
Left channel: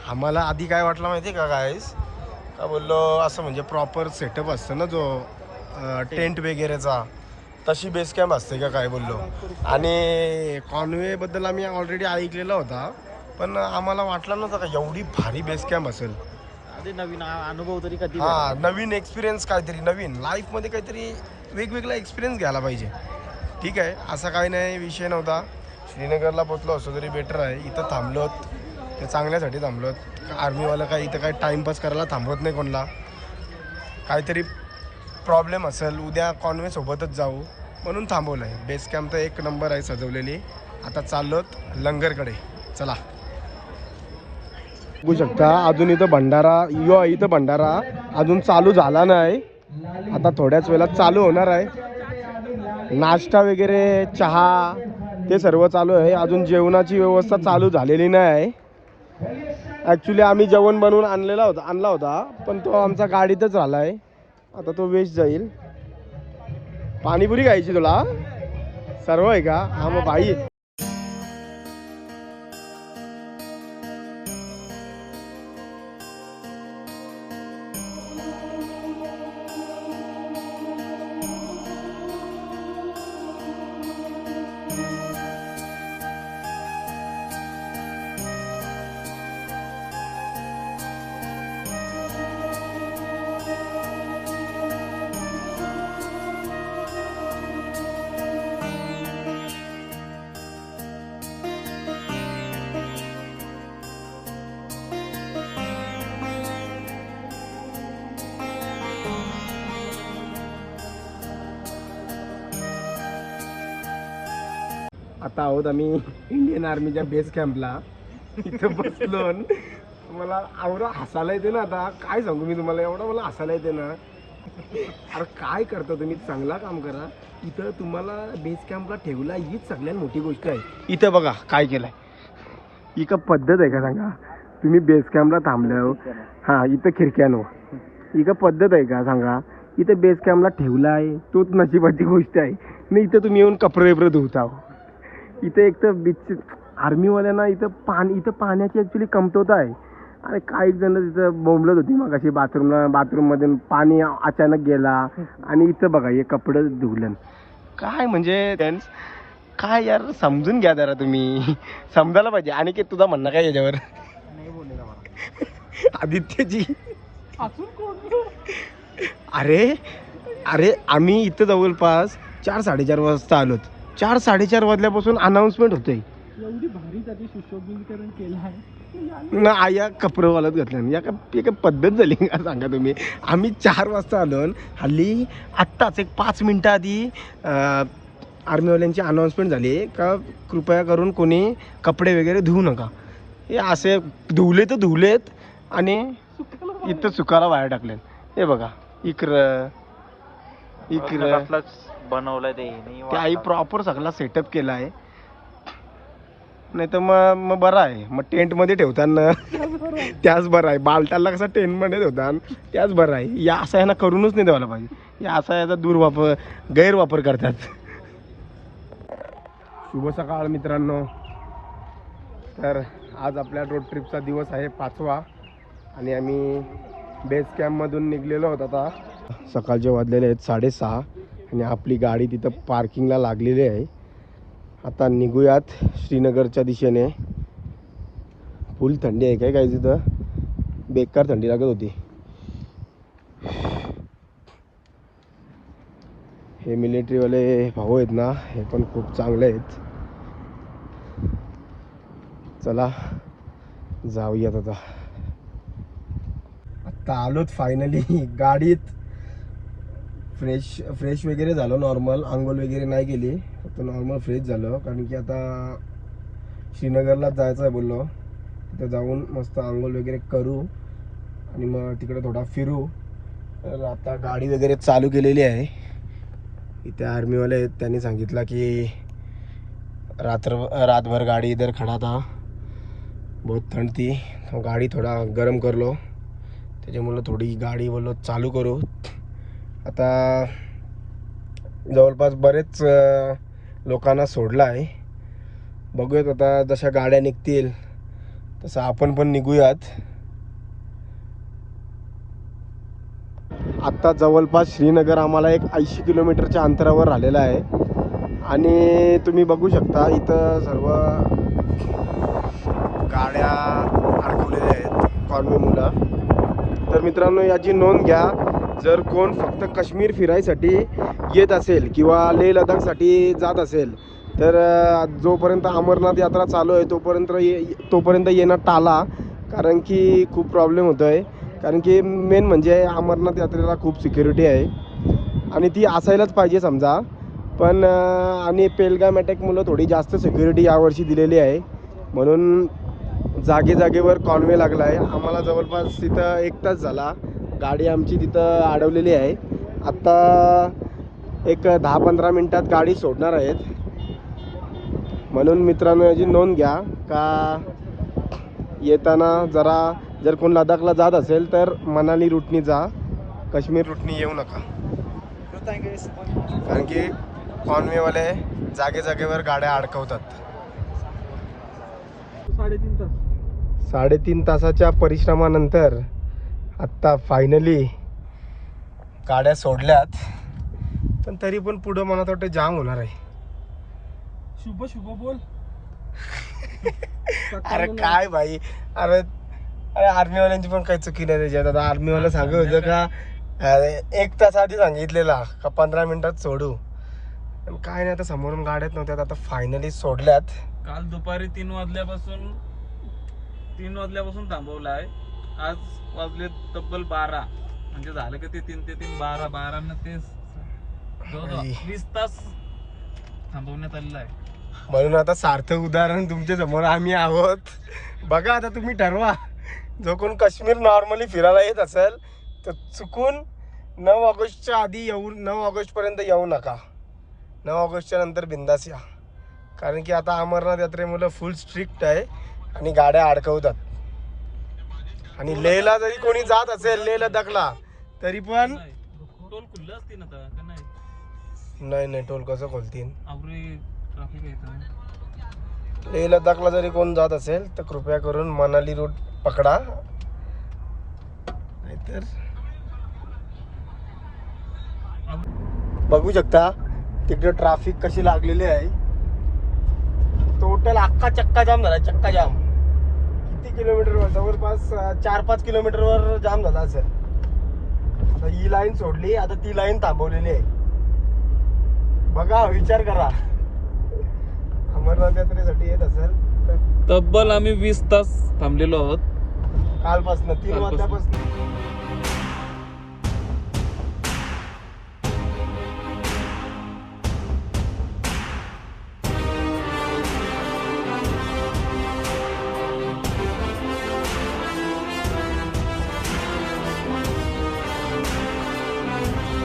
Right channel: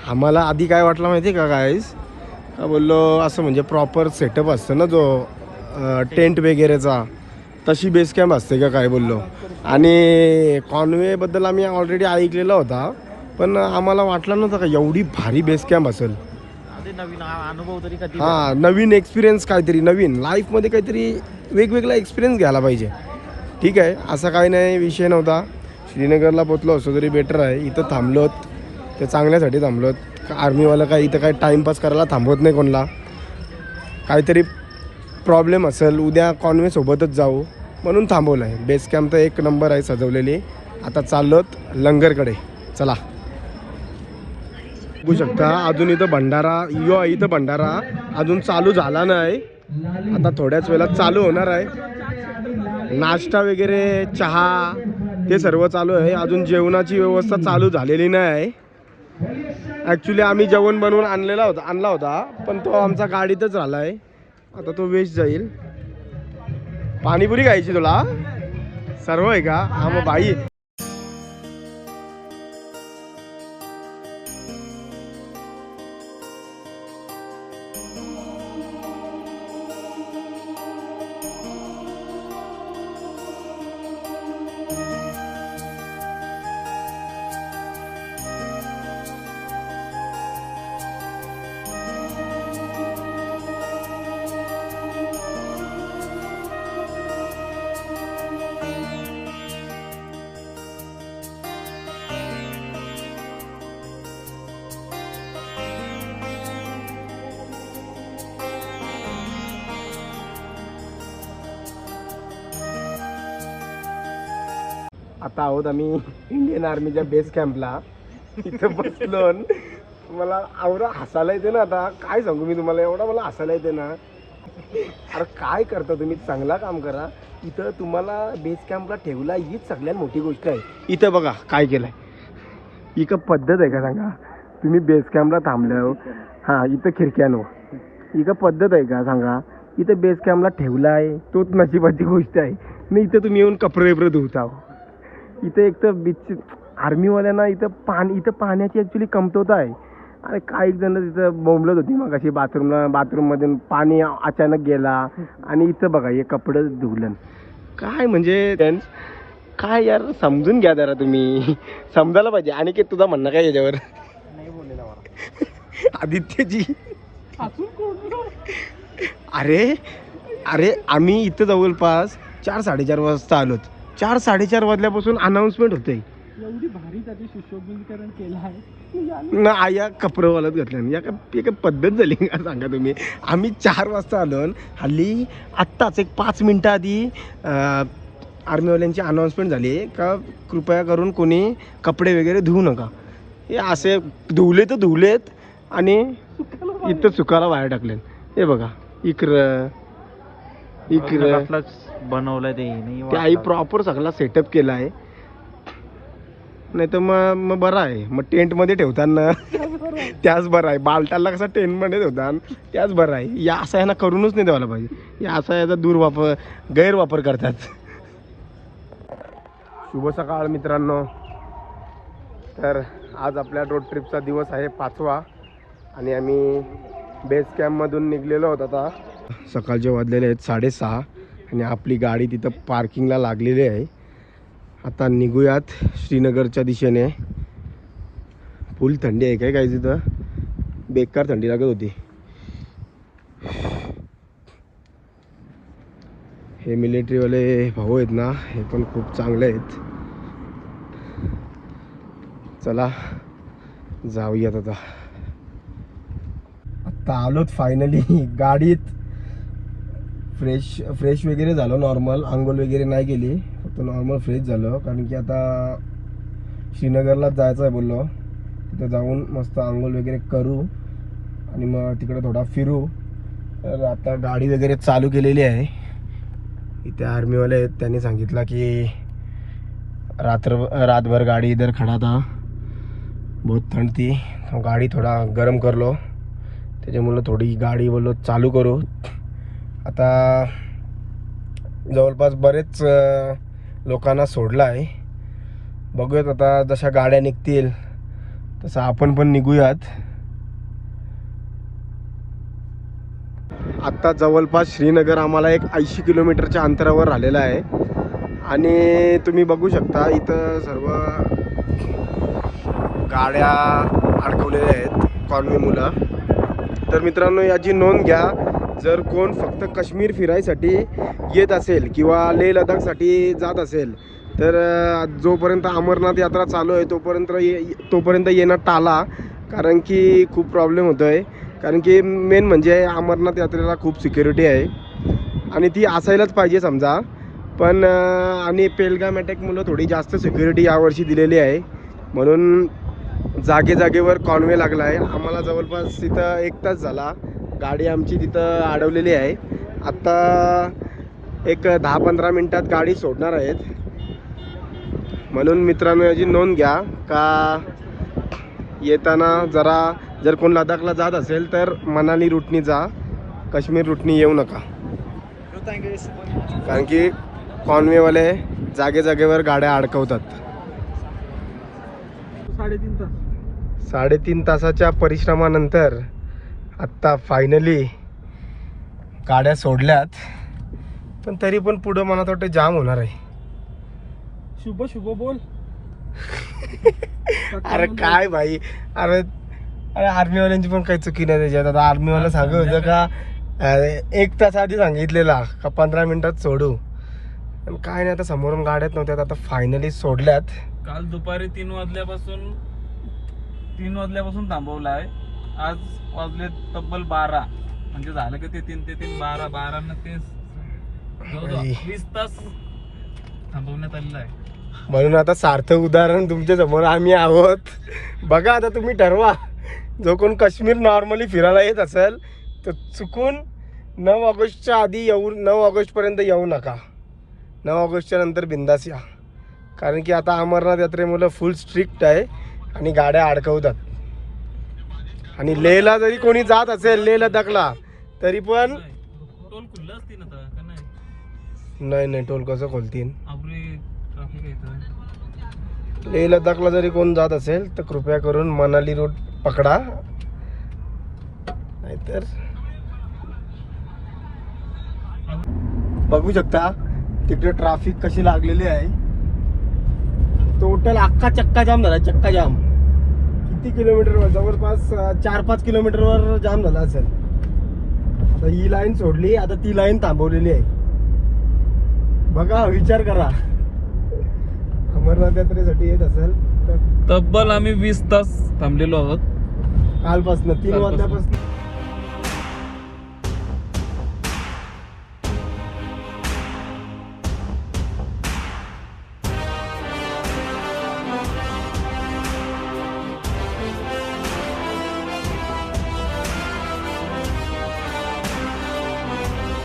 आम्हाला आधी काय वाटलं माहिती आहे का गाईस, का बोललो असं म्हणजे प्रॉपर सेटअप असतं ना जो टेंट वगैरेचा, तशी बेस कॅम्प असते का काय बोललो. आणि कॉन्वेबद्दल आम्ही ऑलरेडी ऐकलेला होता, पण आम्हाला वाटलं नव्हतं का एवढी भारी बेस कॅम्प असेल. हां, नवीन एक्सपिरियन्स, काहीतरी नवीन लाईफमध्ये काहीतरी वेगवेगळा एक्सपिरियन्स घ्यायला पाहिजे. ठीक आहे, असा काही नाही, विषय नव्हता. श्रीनगरला पोचलो असतो तरी बेटर आहे. इथं थांबलोत ते चांगल्यासाठी थांबलोत. आर्मीवाला काय इथं काय टाईमपास करायला थांबवत नाही कोणाला. काहीतरी प्रॉब्लेम असेल, उद्या कॉन्वेसोबतच जाऊ म्हणून थांबवलं आहे. बेस कॅम्प तर 1 नंबर आहे सजवलेली. आता चाललोत लंगरकडे. चला. बघू शकता अजून इथं भंडारा अजून चालू झाला नाही. आता थोड्याच वेळात चालू होणार आहे. नाश्ता वगैरे, चहा ते सर्व चालू आहे. अजून जेवणाची व्यवस्था चालू झालेली नाही आहे. ॲक्च्युली आम्ही जेवण बनवून आणला होता पण तो आमचा गाडीतच राहिला आहे. आता तो वेस्ट जाईल. पाणीपुरी खायची तुला? सर्व आहे का? हा मग भाई आता आहोत आम्ही इंडियन आर्मीच्या बेस कॅम्पला. इथं बसलो. मला एवढं हसायला येते ना, आता काय सांगू मी तुम्हाला, एवढा मला हसायला येते ना. अरे काय करता तुम्ही, चांगला काम करा. इथं तुम्हाला बेस कॅम्पला ठेवला हीच सगळ्यात मोठी गोष्ट आहे. इथं बघा काय केलंय, इथं पद्धत आहे का सांगा. तुम्ही बेस कॅम्पला थांबल्या, हां इथं खिडक्यानो इथं पद्धत आहे का सांगा. इथं बेस कॅम्पला ठेवला आहे तोच नशिबाची गोष्ट आहे. नाही इथं तुम्ही येऊन कपडे बिपडे धुता. इथे एक तर बीच आर्मीवाल्यांना इथं पाण्याची ॲक्च्युली कमतरता आहे. अरे काही जण तिथं बोंबलत होती मग अशी बाथरूममध्ये पाणी अचानक गेला आणि इथं बघा हे कपडे धुवलं. काय म्हणजे काय यार, समजून घ्या जरा तुम्ही, समजायला पाहिजे. आणि की तुझा म्हणणं काय याच्यावर नाही बोललेला मला. आदित्यजी अरे आम्ही इथं जवळपास 4-4:30 वाजता आलोत. 4-4:30 वाजल्यापासून अनाऊन्समेंट होते. एवढी भारी त्याचे सुशोभीकरण केलं आहे. या कपडेवालाच घातलं. या का पद्धत झाली का सांगा तुम्ही. आम्ही 4 वाजता आलो. हल्ली आत्ताच एक 5 मिनटं आधी आर्मीवाल्यांची अनाऊन्समेंट झाली का कृपया करून कोणी कपडे वगैरे धुवू नका. हे असे धुवलेत आणि इथं सुकायला बाहेर टाकले. हे बघा इकडं बनवलं ते आई प्रॉपर सगळा सेटअप केला आहे. नाही तर मग बरं आहे, मग टेंटमध्ये ठेवताना त्याच बरं आहे. बालटाला कसं टेंटमध्ये ठेवतात त्याच बरं आहे. या असा यांना करूनच नाही द्यायला पाहिजे. या असा याचा गैरवापर करतात. शुभ सकाळ मित्रांनो. तर आज आपल्या रोड ट्रिपचा दिवस आहे 5वा आणि आम्ही बेस कॅम्पमधून निघलेलो आहोत. आता सकाळचे वाजलेले आहेत 6:30 आणि आपली गाडी तिथं पार्किंगला लागलेली आहे. आता निघूयात श्रीनगरच्या दिशेने. फुल थंडी आहे काय तिथं, बेकार थंडी लागत होती. हे मिलिटरीवाले भाऊ आहेत ना, हे पण खूप चांगले आहेत. चला जाऊयात आता. आता आलोत फायनली गाडीत. फ्रेश वगैरे झालो, नॉर्मल आंघोळ वगैरे नाही केली, फक्त नॉर्मल फ्रेश झालो. कारण की आता श्रीनगरलाच जायचं आहे बोललो. तिथं जाऊन मस्त आंघोळ वगैरे करू आणि मग तिकडे थोडा फिरू. तर आता गाडी वगैरे चालू केलेली आहे. इथे आर्मीवाले आहेत, त्यांनी सांगितलं की रातभर गाडी इधर खड़ा था, बहुत ठंड थी, तो गाडी थोडा गरम करलो, त्याच्यामुळं थोडी गाडी बोललो चालू करू. आता जवळपास बरेच लोकांना सोडलं आहे. बघूयात आता जशा गाड्या निघतील तसं आपण पण निघूयात. आत्ता जवळपास श्रीनगर आम्हाला एक 80 किलोमीटरच्या अंतरावर राहिलेलं आहे. आणि तुम्ही बघू शकता इथं सर्व गाड्या अडकवलेल्या आहेत, कॉन्वे मुलं. तर मित्रांनो याची नोंद घ्या, जर कोण फक्त काश्मीर फिरायसाठी येत असेल किंवा लेह लडाखसाठी जात असेल तर जोपर्यंत अमरनाथ यात्रा चालू आहे तोपर्यंत येणं टाळा. कारण की खूप प्रॉब्लेम होतो आहे. कारण की मेन म्हणजे अमरनाथ यात्रेला खूप सिक्युरिटी आहे आणि ती असायलाच पाहिजे समजा. पण आणि पेलगाम अटॅक मुलं थोडी जास्त सिक्युरिटी यावर्षी दिलेली आहे, म्हणून जागेवर कॉन्वे लागला आहे. आम्हाला जवळपास तिथं 1 तास झाला, गाडी आमची तिथं अडवलेली आहे. आत्ता एक 10-15 मिनटात गाडी सोडणार आहेत. म्हणून मित्रांनो याची नोंद घ्या का येताना जर कोण लडाखला जात असेल तर मनाली रूटनी जा, काश्मीर रूटनी येऊ नका. कारण की कॉन्वेवाले जागेवर गाड्या अडकवतात. 3.5 तासाच्या परिश्रमानंतर आत्ता फायनली गाड्या सोडल्यात. पण तरी पण पुढं मला वाटतं जाम होणार आहे. शुभ बोल. अरे काय भाई, अरे आर्मीवाल्यांची पण काही चुकी नाही त्याच्यात. आता आर्मीवाला सांगत होतं का 1 तास आधी सांगितलेला का 15 मिनिटात सोडू, पण काय नाही. आता समोरून गाड्यात नव्हत्यात, आता फायनली सोडल्यात. काल दुपारी 3 वाजल्यापासून थांबवला आहे. आज वाजले तब्बल 12, म्हणजे झालं की ते 3 ते 3 12 न ते 20 तास थांबवण्यात आलेलं आहे. म्हणून आता सार्थक उदाहरण तुमच्या समोर आम्ही आहोत. बघा आता तुम्ही ठरवा, जो कोण काश्मीर नॉर्मली फिरायला येत असेल तर चुकून 9 ऑगस्टच्या आधी 9 ऑगस्टपर्यंत येऊ नका. 9 ऑगस्टच्या नंतर बिंदास या, कारण की आता अमरनाथ यात्रेमुळे फुल स्ट्रिक्ट आहे आणि गाड्या अडकवतात. आणि लेहला जरी कोणी जात असेल, लेह लडाखला, तरी पण टोल खुल्लं असतील आता का नाही? नाही टोल कसं खोलतील. आपले ट्रॅफिक आहे. लेह लडाखला जरी कोण जात असेल तर कृपया करून मनाली रूट पकडा, नाहीतर बघू शकता तिकडे ट्रॅफिक कशी लागलेली आहे. टोटल अख्खा चक्का जाम झाला. चक्का जाम किती किलोमीटरवर? जवळपास 4-5 किलोमीटरवर जाम झाला असेल. आता ही लाईन सोडली, आता ती लाईन थांबवलेली आहे. बघा, विचार करा, अमरनाथ यात्रेसाठी येत असेल तर तब्बल आम्ही 20 तास थांबलेलो आहोत कालपासून 3 वाजल्यापासून.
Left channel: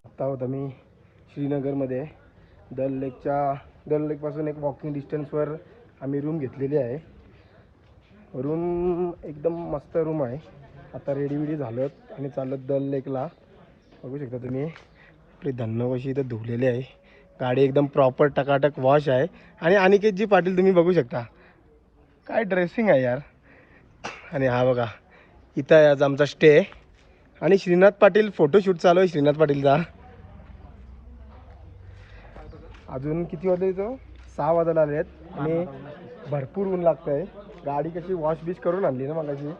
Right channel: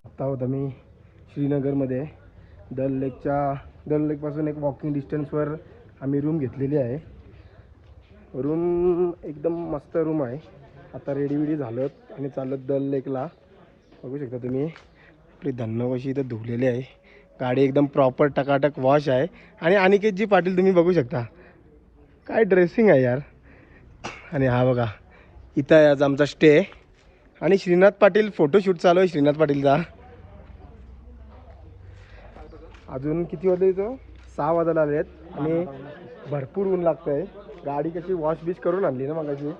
आता आहोत आम्ही श्रीनगरमध्ये. दल लेकपासून एक वॉकिंग डिस्टन्सवर आम्ही रूम घेतलेली आहे. रूम एकदम मस्त रूम आहे. आता रेडी झालोत आणि चालत दल लेकला. बघू शकता तुम्ही आपली धन्न कशी इथं धुवलेली आहे. गाडी एकदम प्रॉपर टकाटक वॉश आहे. आणि अनिकेतजी पाटील तुम्ही बघू शकता, काय ड्रेसिंग आहे यार. आणि हा बघा, इथं आहे आज आमचा स्टे. आणि श्रीनाथ पाटील फोटोशूट चालू आहे श्रीनाथ पाटीलचा. अजून किती वाजले? इथं 6 वाजायला आले आहेत आणि भरपूर ऊन लागतं आहे. गाडी कशी वॉश बीच करून आणली ना मगाशी,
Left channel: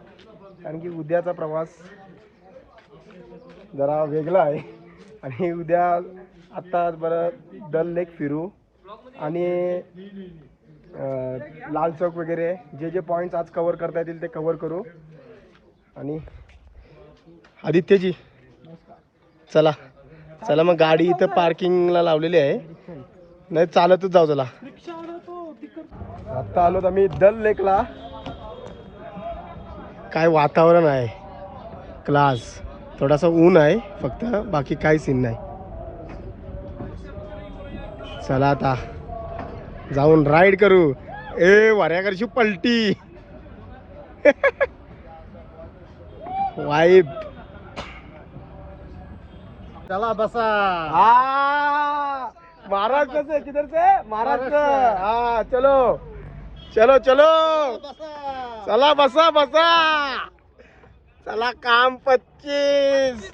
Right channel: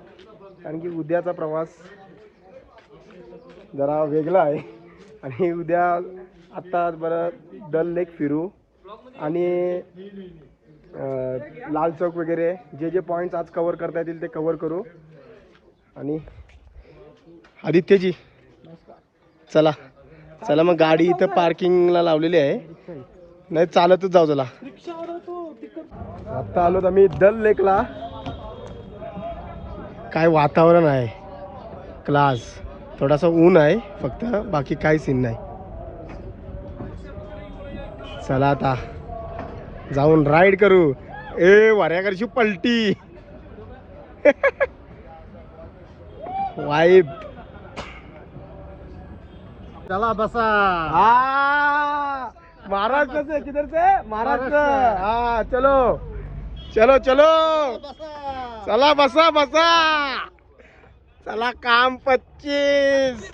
कारण की उद्याचा प्रवास जरा वेगळा आहे. आणि उद्या आत्ता बरं दल लेक फिरू आणि लाल चौक वगैरे जे पॉईंट्स आज कवर करता येतील ते कवर करू. आणि आदित्यजी चला चला मग गाडी इथं पार्किंगला लावलेली आहे, नाही चालतच जाऊ. चला आता आलो आम्ही दल लेकला. काय वातावरण आहे, क्लास. थोडासा ऊन आहे फक्त, बाकी काही सीन नाही. चला आता जाऊन राईड करू. वऱ्याकडची पलटी वाईब. चला बसा. महाराष्ट्र से किधर से? महाराष्ट्र. हाँ चलो चलो चलो. चला बसा बसा. चला काम 25.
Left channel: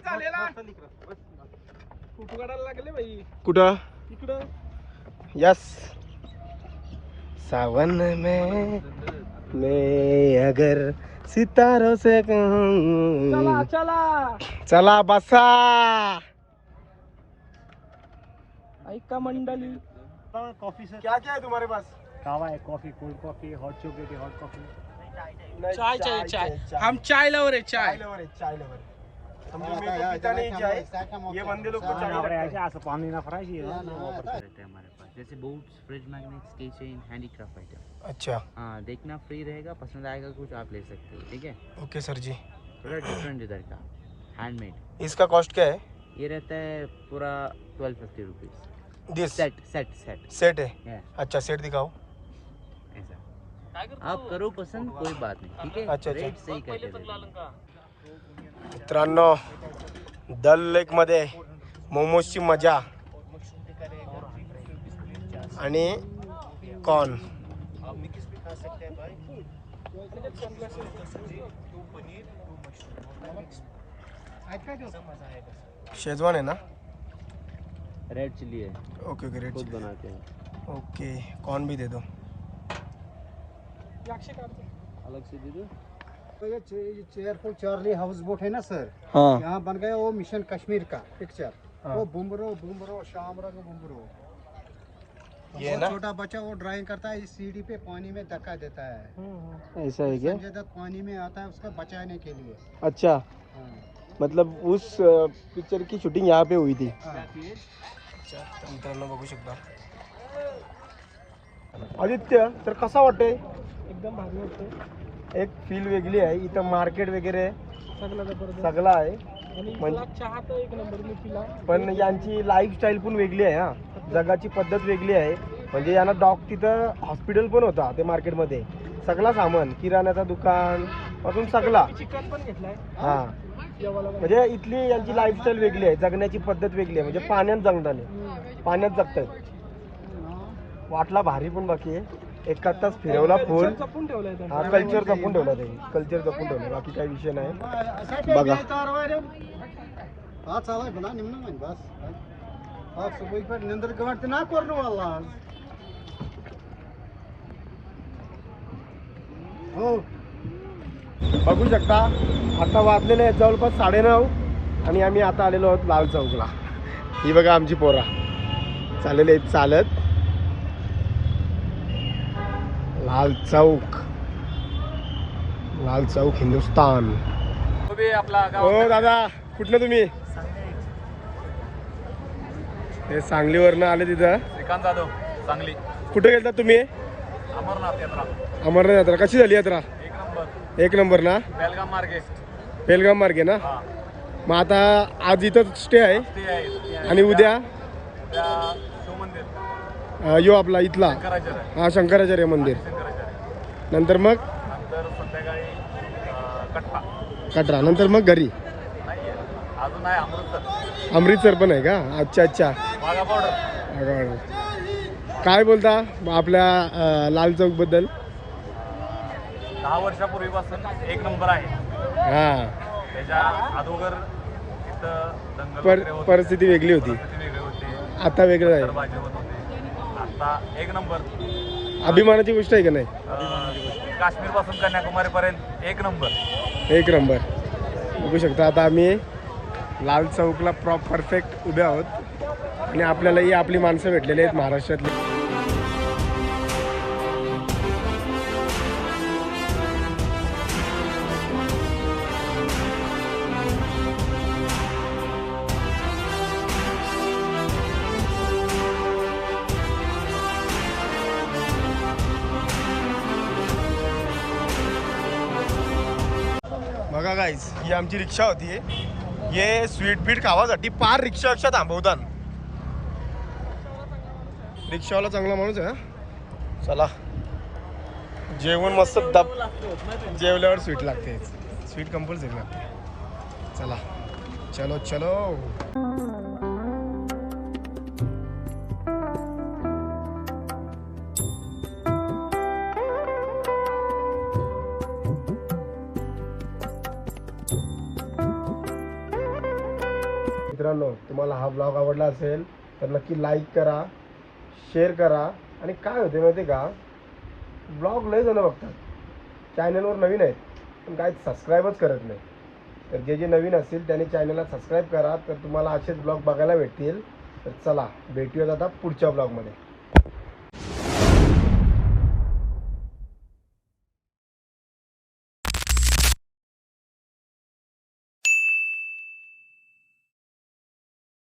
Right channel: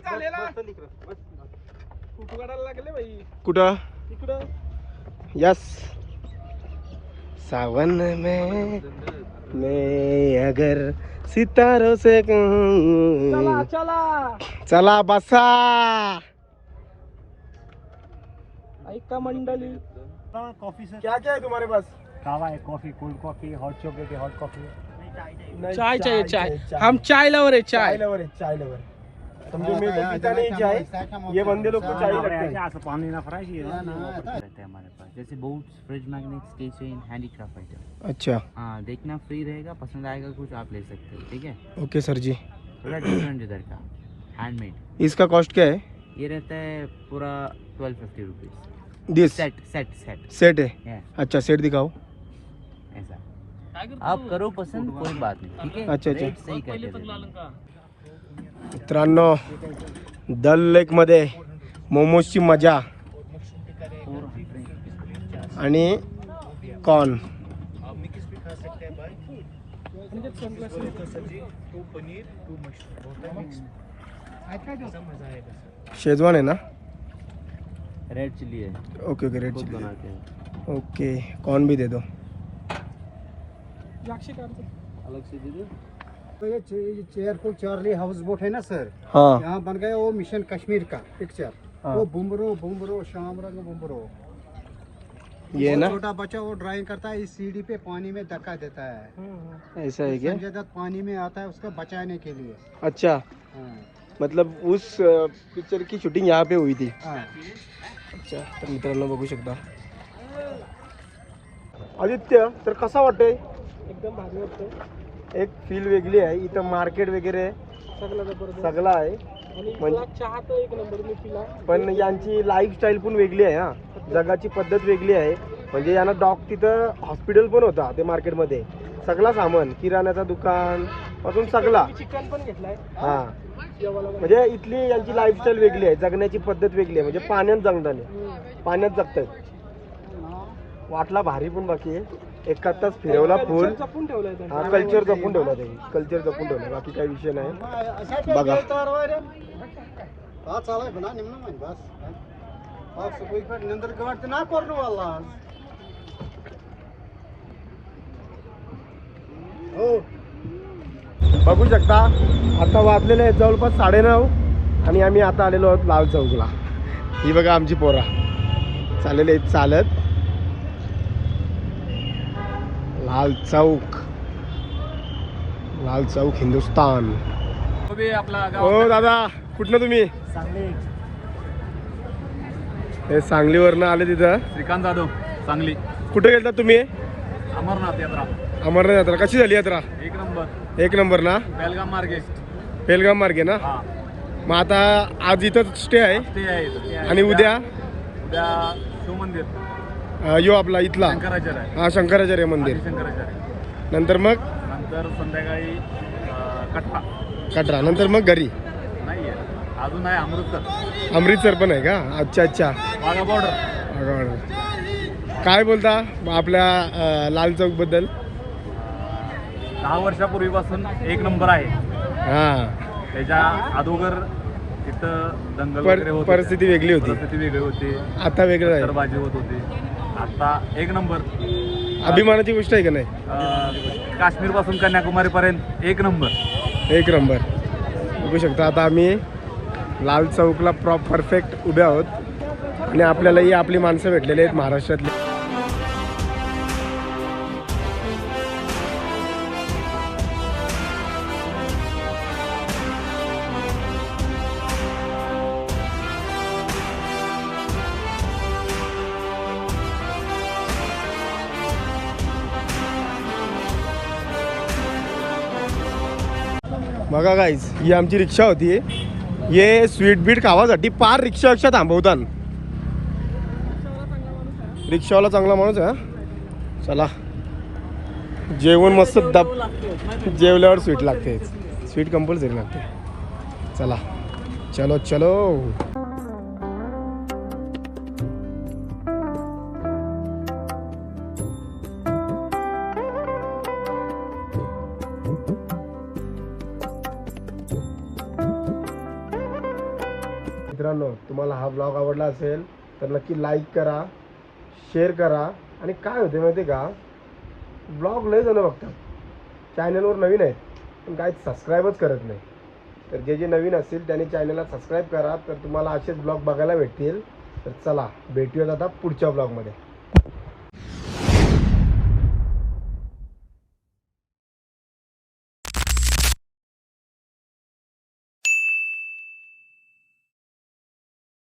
कुठं? यस. सावन में मैं अगर सितारों से कहूं. चला बसा. ऐका मंडली. क्या क्या है तुम्हारे पास? कावा है, coffee, cold coffee, hot chocolate है, हॉट कॉफी है. चाय चाहिए, चाय. हम चाय लवर है. चाय लवर है, चाय लवर. समझो मैं तो पीता नहीं चाय, ये बंदे लोग को चाय लगता है. रहता है हमारे पास, जैसे बोट्स, फ्रिज मैग्नेट्स, की चेन, हैंडीक्राफ्ट आइटम. अच्छा हाँ, देखना फ्री रहेगा, पसंद आएगा कुछ आप ले सकते हैं. ठीक है, ओके सर जी. थोड़ा डिफरेंट इधर का, हैंडमेड. इसका कॉस्ट क्या है? ये रहता है पूरा 1250 रुपीज. दिस सेट सेट सेट सेट है. Yeah. अच्छा सेट दिखाओ. ऐसा आप करो पसंद, कोई बात नहीं. ठीक है, अच्छा, अच्छा. रेट सही कर देते. मित्रांनो, दल लेक मध्ये मोमोजची मजा आणि कॉर्न. शेजवान है ना? रेड चिली है. Okay okay red chilli. Okay corn भी दे दो. ये चेयरफुल चार्ली हाउस बोट है ना सर, हाँ यहाँ बन गया वो मिशन कश्मीर का पिक्चर. हाँ. वो बुमरो शाम रंग बुमरो. ये ना छोटा बच्चा वो ड्राइंग करता है, इस सीढ़ी पे पानी में धक्का देता है. ऐसा है क्या? संजय दत्त पानी में आता है उसको बचाने के लिए. अच्छा, हाँ. मतलब उस पिक्चर की शूटिंग यहाँ पे हुई थी. हाँ. अच्छा, तर मित्रांनो बघू शकता आदित्य, तर कसा वाटतंय? एकदम भारी वाटतं. एक फील वेगळी आहे इथं, मार्केट वगैरे सगळं जबरदस्त. सगळं आहे. आणि म्हणजे- इथला चहा तर एक नंबर मी पिला. पण यांची लाईफस्टाईल पण वेगळी आहे हा, जगाची पद्धत वेगळी आहे. म्हणजे यांना तिथं हॉस्पिटल पण होता ते मार्केटमध्ये, सगळं सामान किराण्याचं दुकान पासून सगळा. चिकन पण घेतलाय हा जेवायला. म्हणजे इथली यांची लाईफस्टाईल वेगळी आहे, जगण्याची पद्धत वेगळी आहे. म्हणजे पाण्यात जगताना पाण्यात जगतात. वाटला भारी पण बाकी आहे. एका तास फिरवला फुल. जपून ठेवलंय त्यांनी. हा, कल्चर जपून ठेवला ते, कल्चर जपून ठेवला, बाकी काही विषय नाही. बघा. हाँ चला बना निम्न में बस आप सब कोई पर निंदर कवट ना कर वाला हो बघू शकता, आता वाजलेले आहेत जवळपास 9:30 आणि आम्ही आता आलेलो आहोत लाल चौकला. ही बघा आमची पोरा चाललेली आहेत चालत. लाल चौक, लाल चौक हिंदुस्तान. हो दादा, कुठलं तुम्ही? हे सांगलीवरनं आले तिथं. श्रीकांत जाधव, सांगली. कुठे गेलता तुम्ही? अमरनाथ यात्रा अमरनाथ यात्रा. कशी झाली यात्रा? एक नंबर. 1 नंबर ना? बेलगाम मार्गे. बेलगाम मार्गे ना? हा मग आता आज इथं स्टे आहे ते आहे. आणि उद्या उद्या शिवमंदिर यो आपला इथला शंकराचार्य आहे. हा शंकराचार्य मंदिर. शंकराचार्य. नंतर मग नंतर संध्याकाळी कटरा. कटरा. नंतर मग घरी. नाहीये अजून आहे अमृतसर. अमृतसर पण आहे का? अच्छा अच्छा. वाघा बॉर्डर. काय बोलता आपल्या लाल चौक बद्दल? 10 वर्षापूर्वीपासून एक नंबर आहे. हा, त्याच्या अगोदर तिथं दंगल वगैरे होत होत्या. परिस्थिती वेगळी होती. परिस्थिती वेगळी होती. आता वेगळं आहे. पत्थरबाजी होत होती. आता एक नंबर. अभिमानाची गोष्ट आहे का नाही? काश्मीर पासून कन्याकुमारी पर्यंत एक नंबर. 1 नंबर. बघू शकता आता आम्ही लाल चौकला परफेक्ट उभे आहोत आणि आपल्यालाही आपली माणसं भेटलेली आहेत महाराष्ट्रातली. बघा गाईज, ही आमची रिक्षा होती. हे स्वीट बीट खावासाठी पार रिक्षा थांबवतात. रिक्षावाला चांगला माणूस आहे हा. चला, जेवण मस्त जेवल्यावर स्वीट लागते. स्वीट कंपल्सरी लागते. चला चलो चलो. मित्रांनो, तुम्हाला हा ब्लॉग आवडला असेल तर नक्की लाईक करा, शेअर करा. आणि काय होते माहिती का, ब्लॉग लय जण बघतात, चॅनलवर नवीन आहेत पण काय सबस्क्राईबच करत नाही. तर जे नवीन असतील त्यांनी चॅनलला सबस्क्राईब करा, तर तुम्हाला असेच ब्लॉग बघायला भेटतील. तर चला भेटूयात आता पुढच्या ब्लॉगमध्ये.